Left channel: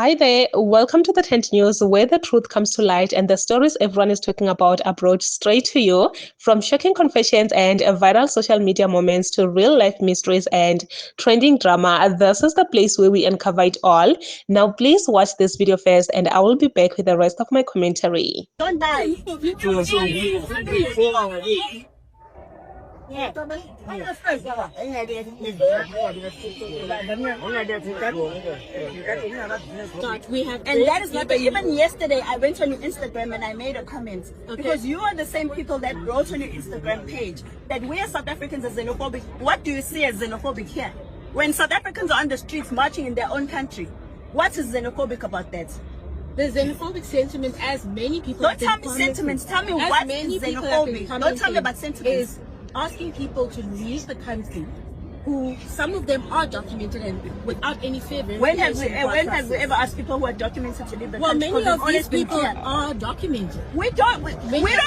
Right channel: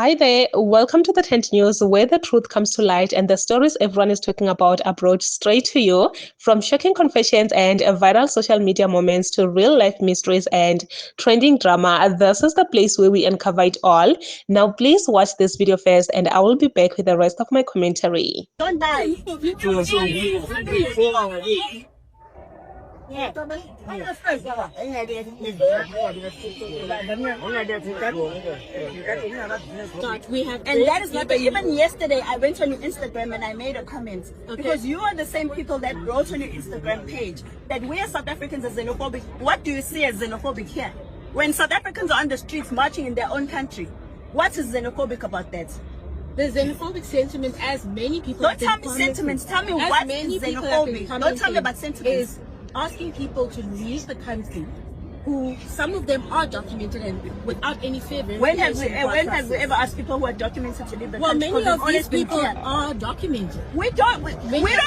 Hi there, welcome to the Tent News, where the truth comes to light and the stories everyone is talking about are brought straight to you. From shocking confessions and viral social media moments to real life mysteries and trending drama, this is the place where we uncover it all. Now, please watch this video first, and I will be back with the rest of my commentary. Don't die. We have, And that is not even yesterday I went on your Instagram and I made a comment because you are the same people that wrote on your Instagram page that we as South Africans are xenophobic. What do you see as xenophobic here? When South Africans are on the streets marching in their own country, what is xenophobic about that? the xenophobic sentiment, as many people Don't tell me sentiments, tell me what is xenophobic. Don't tell me about sentiments. Is asking people to leave the country, who some of them are documented and without any fear. When have we ever asked people who are documented to leave the well, country? many of these people here. are documented. We don't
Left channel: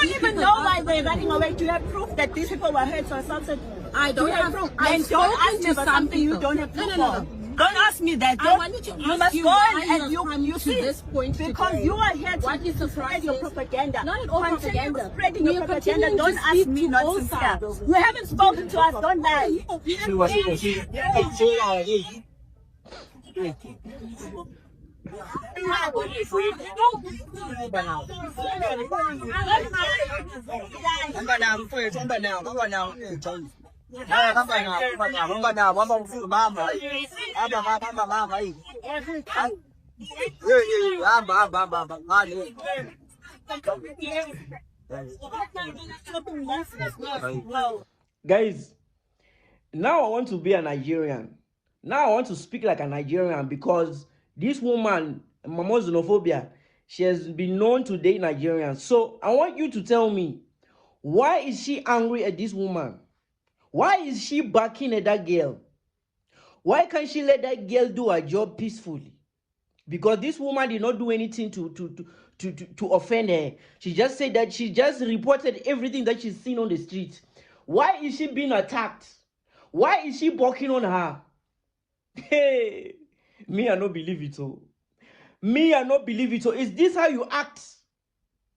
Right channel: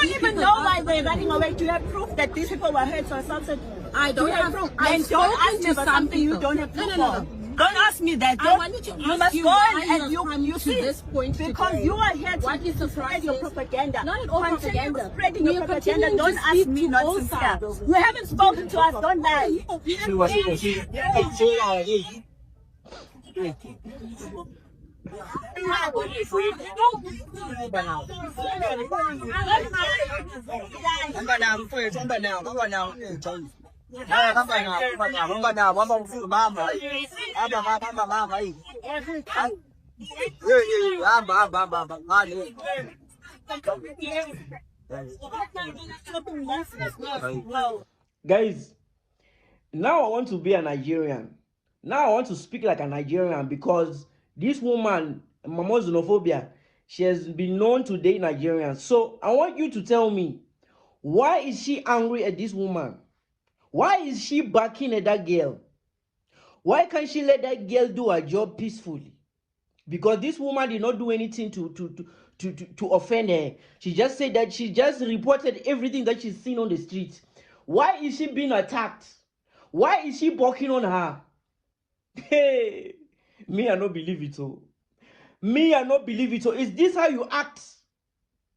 even know why they're running away. Do you have proof that these people were hurt or assaulted? I don't have proof. Then I've don't spoken ask me to about some something you people. don't have proof No. for. Don't ask me that. I wanted to you ask must you go why and you have you come to see this point because today. you are here to What is the spread your process? propaganda. Not at all Continue propaganda. spreading We your are propaganda. continuing Don't to ask speak me to not all to sides. care. You haven't spoken to us. Don't lie. Guys, now I want to be a Nigerian. Now I want to speak like a Nigerian because this woman, Mama Xenophobia, she has been known to date Nigerians. So I want you to tell me, why is she angry at this woman? Why is she backing at that girl? Why can't she let that girl do her job peacefully? Because this woman did not do anything to offend her. She just said that she just reported everything that she's seen on the streets. Why is she being attacked? Why is she barking on her? Hey, me, I don't believe it. Oh, me, I don't believe it. Oh, is this how you act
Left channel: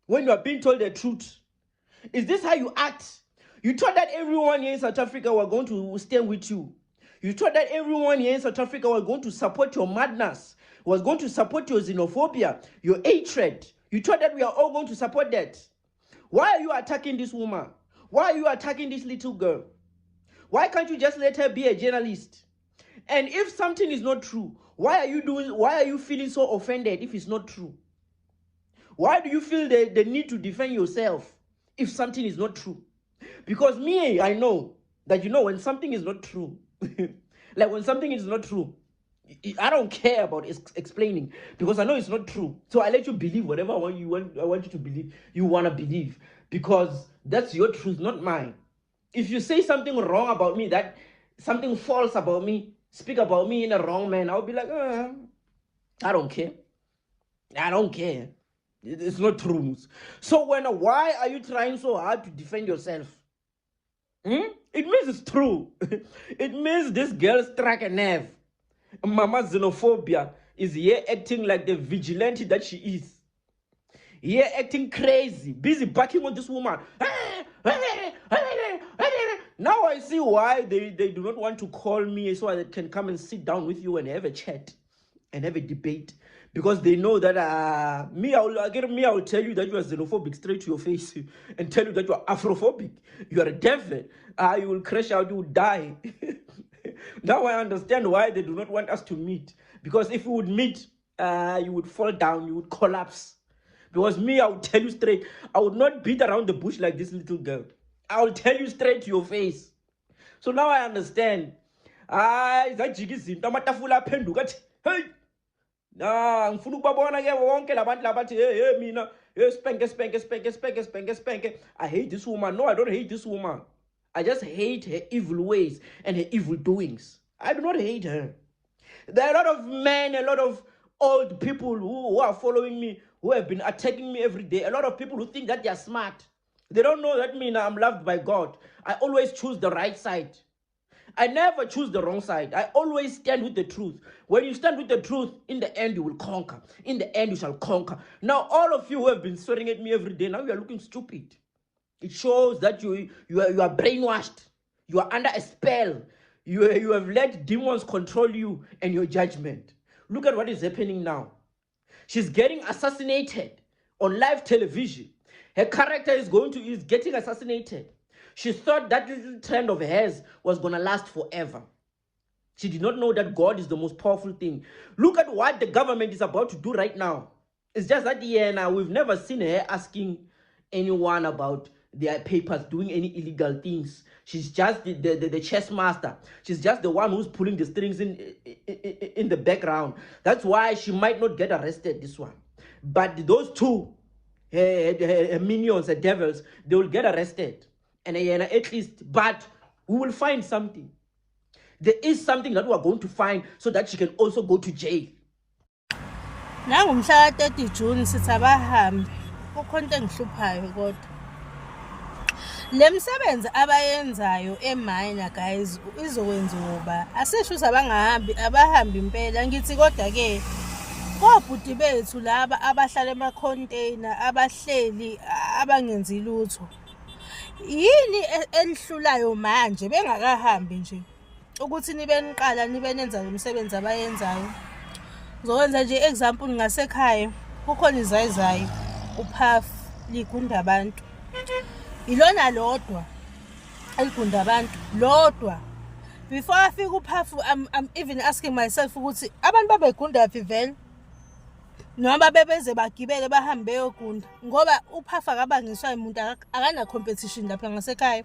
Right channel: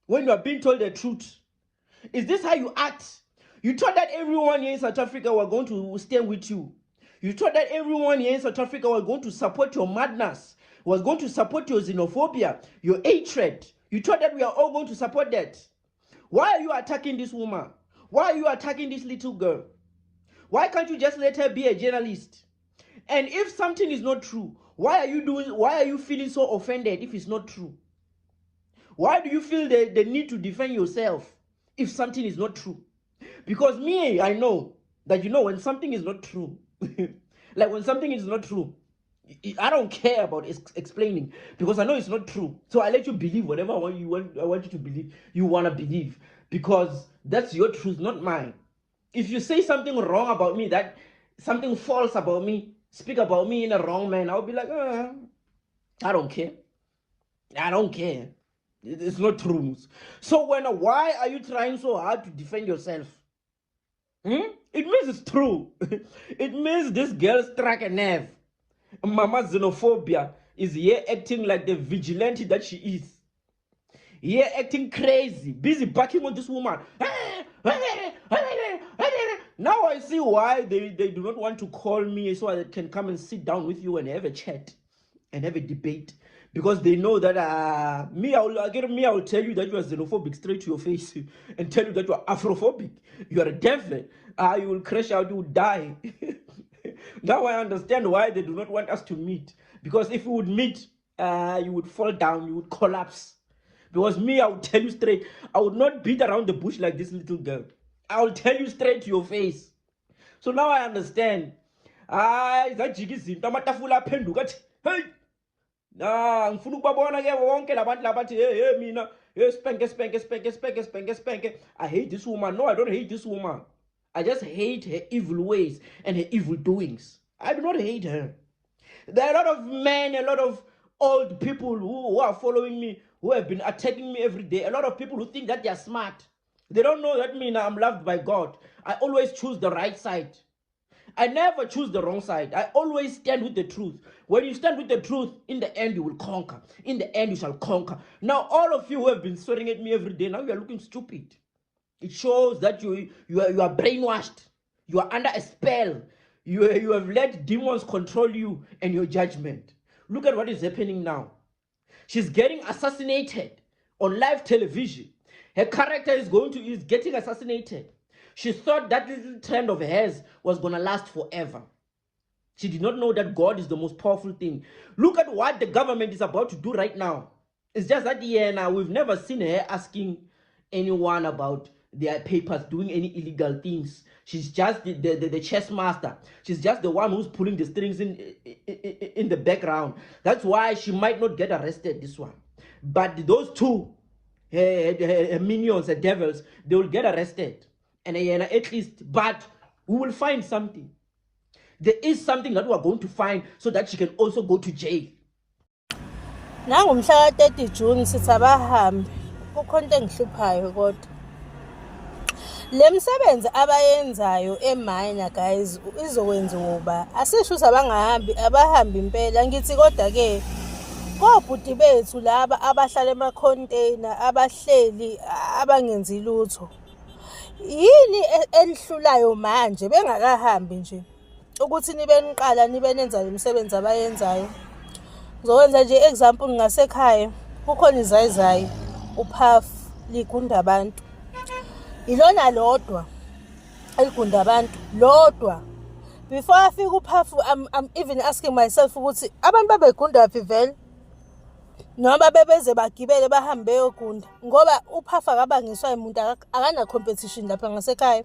when you are being told the truth? Is this how you act? You thought that everyone here in South Africa were going to stand with you. You thought that everyone here in South Africa was going to support your madness, was going to support your xenophobia, your hatred. You thought that we are all going to support that. Why are you attacking this woman? Why are you attacking this little girl? Why can't you just let her be a journalist? And if something is not true, why are you feeling so offended if it's not true? Why do you feel the need to defend yourself if something is not true? Because me, I know that when something is not true, like when something is not true, I don't care about explaining because I know it's not true. So I let you believe whatever I want you to believe. You want to believe because that's your truth, not mine. If you say something wrong about me, that something false about me, speak about me in a wrong manner, I'll be like, I don't care. I don't care. It's not true. So why are you trying so hard to defend yourself? It means it's true. It means this girl struck a nerve. Mama Xenophobia is here acting like the vigilante that she is. Here acting crazy, busy backing on this woman. Now I see why they do not want to call me so I can come and sit down with you and have a chat and have a debate. Because they know that I will tell you that you are xenophobic straight to your face and tell you that you are Afrophobic. You are a devil. You will crash out, you will die. Now I understand why they do not want us to meet. Because if we would meet, you would fall down, you would collapse. Because me, I will tell you straight, I would not beat around the bush like this little girl. I will tell you straight to your face. So now I understand. Hey. Ngifuna ukubabona ke wonke labantu labathi hey mina spank. I hate this woman. No, I don't hate this woman. I just hate her evil ways and her evil doings. I do not hate her. There are a lot of men, a lot of old people who are following me, who have been attacking me every day. A lot of people who think that they are smart. They don't know that I'm loved by God. I always choose the right side. I never choose the wrong side. I always stand with the truth. When you stand with the truth, in the end you will conquer. In the end you shall conquer. Now all of you who have been swearing at me every day, now you are looking stupid. It shows that you are brainwashed. You are under a spell. You have let demons control you and your judgment. Look at what is happening now. She's getting assassinated on live television. Her character is getting assassinated. She thought that little trend of hers was going to last forever. She did not know that God is the most powerful thing. Look at what the government is about to do right now. It's just that now we've never seen her asking anyone about their papers, doing any illegal things. She's just the chess master. She's just the one who's pulling the strings in the background. That's why she might not get arrested, this one. But those two minions, the devils, they will get arrested. And at least, but we will find something. There is something that we are going to find so that she can also go to jail. Nangumhla ka-30 June sithi abahambi kukhona into engihluphayo kodwa le msebenzi abayenzayo eMina guys izokwenziwa uba asisho ukuthi abahambi impela ngithi kodwa ke kobhuti bethu laba abahlala ema-container abahleli abangenzi lutho yini elihlulayo manje bengakahambi nje ukuthi nibe niqala nibe nenza le msebenzi abayenzayo. Ngizokwenza nje example ngasekhaya kukhona izayizayi uphafu ligunda abantu ilona lodwa eligunda abantu lodwa. Before afika uphafu I'm even asking myself ukuthi abantu babegunda phi vele noma bebeze bagibele bahambe beyogunda ngoba uphafu akabangiswa umuntu akana competition lapha ngasekhaya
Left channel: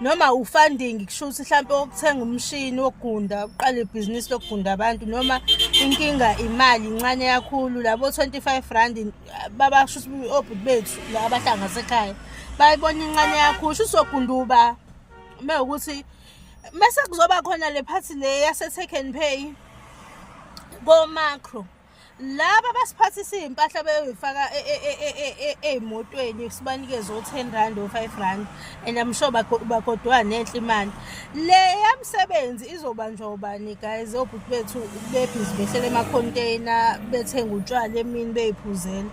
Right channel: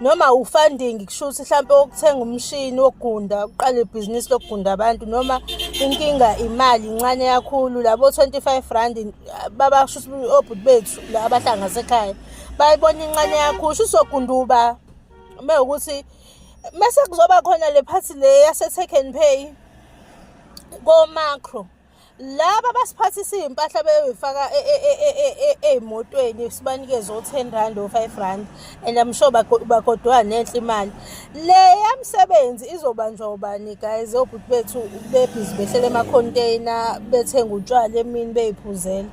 noma ufunding kushuthi mhlawumbe ukuthenga umshini wokugunda uqale ibhizinisi lokugunda abantu noma inkinga imali incane kakhulu labo 25 rand babashuthi obhuti bethu la abahlanga ngasekhaya bayibona incane kakhulu usogunda uba mewukuthi mase kuzoba khona le party le yase take and pay go macro laba basiphathisa impahla beyifaka emotweni sibanikeze o10 rand o5 rand and I'm sure bakodwa nenhle imali le yamsebenzi izobanjwa ubani guys obhuti bethu bebhizi behlele ema-container bethenga utshwala emini beyiphuzela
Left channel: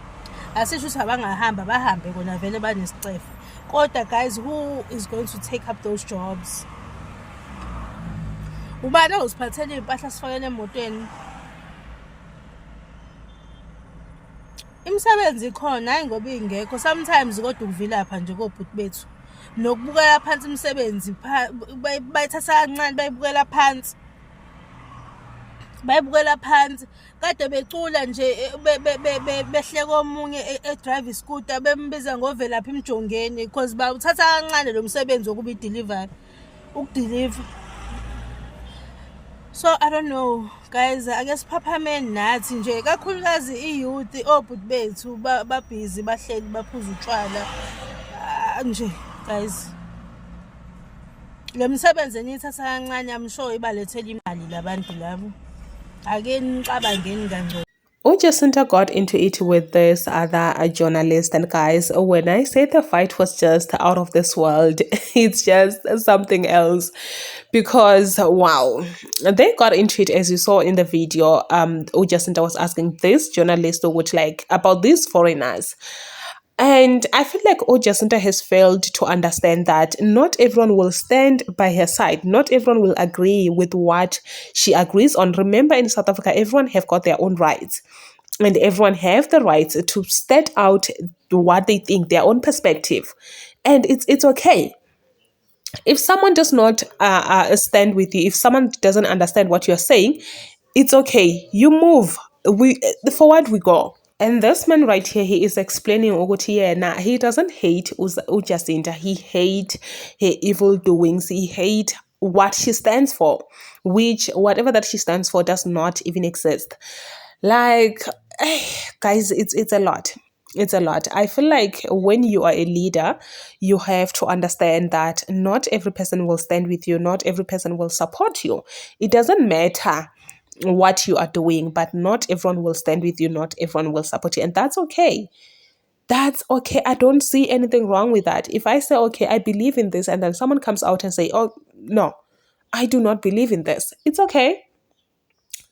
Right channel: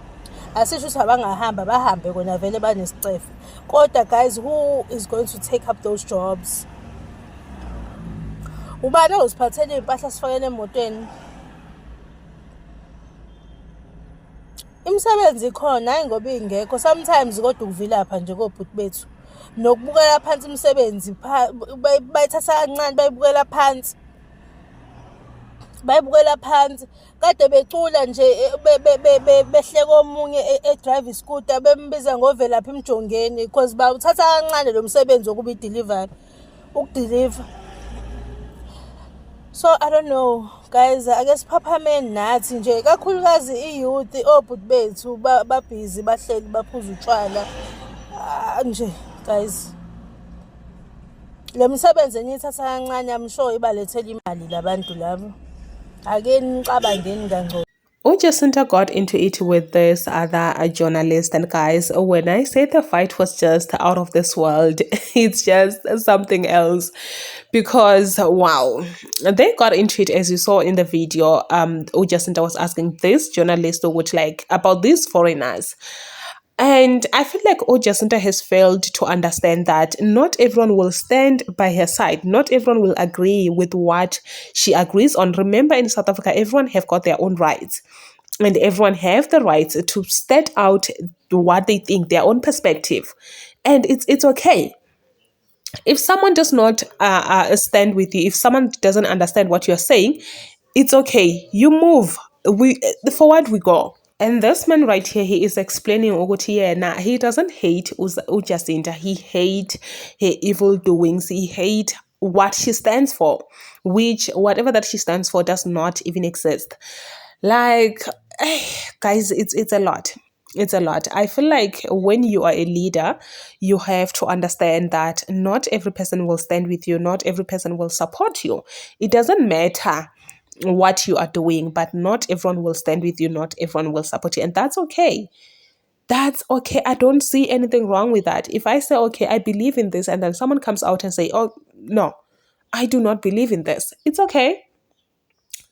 asisho ukuthi abangahamba bahambe kona vele banesicefe kodwa guys who is going to take up those jobs ubani oziphathela impahla sifakele emotweni imisebenzi ikhona hayi ngoba ingekho sometimes kodwa ukuvilapha nje kobhuti bethu nokubukela phansi imisebenzi bayithatha kancane bayibukela phansi kade becula nje behleka omunye edrive scooter bembiza ngovelapha imjongeni because bawuthatha kancane lo msebenzi wokuba ukudeliver. So I don't know guys, I guess phaphameni nathi nje kakhulukazi iyouth obhuti bethu babhizi bahleli baphuza utshwala nje guys le msebenzi enithatha kancane I'm sure ibalethela imali labantu labo ake niqabangeni kangcono. Jacinta got into it with this other journalist, and guys, when I say the fight was just out of this world, it's just something else because wow, they got into it as you saw in the video. Jacinta was asking this journalist which like about these foreigners. And I feel like Jacinta has failed to understand that not everyone will stand by her side. Not everyone will agree with what she agrees on. Remember, in South Africa, everyone have got their own rights. And everyone have the right to state out what they think, their own perspective. And it's okay. If someone does not stand with you, if someone doesn't understand what you're saying, it's okay. You move. Forward we go. And this man right here, he is explaining Ogotiena. He doesn't hate Jacinta. He hate her evil doings. He hate what she stands for, which whatever that she stands for does not even exist. Like, guys, it's a lot. It's a lot. I feel like when you are a leader, you have to understand that not every person will stand with you. Not every person will support you. It doesn't matter what you are doing, but not everyone will stand with you. Not everyone will support you. And that's okay. That's okay. I don't see anything wrong with that. If I say, okay, I believe in this, and then someone comes out and say, oh, no, I do not believe in this. It's okay.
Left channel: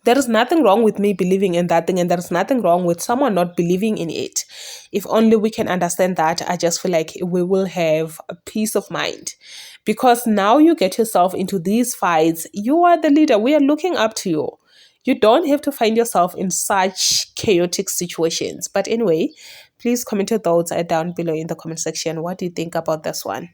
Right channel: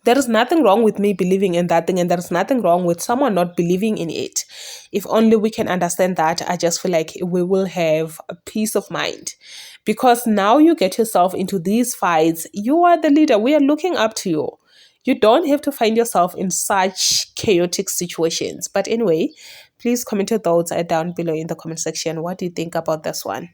There is nothing wrong with me believing in that thing, and there is nothing wrong with someone not believing in it. If only we can understand that, I just feel like we will have a peace of mind. Because now you get yourself into these fights, you are the leader. We are looking up to you. You don't have to find yourself in such chaotic situations. But anyway, please comment your thoughts down below in the comment section. What do you think about this one?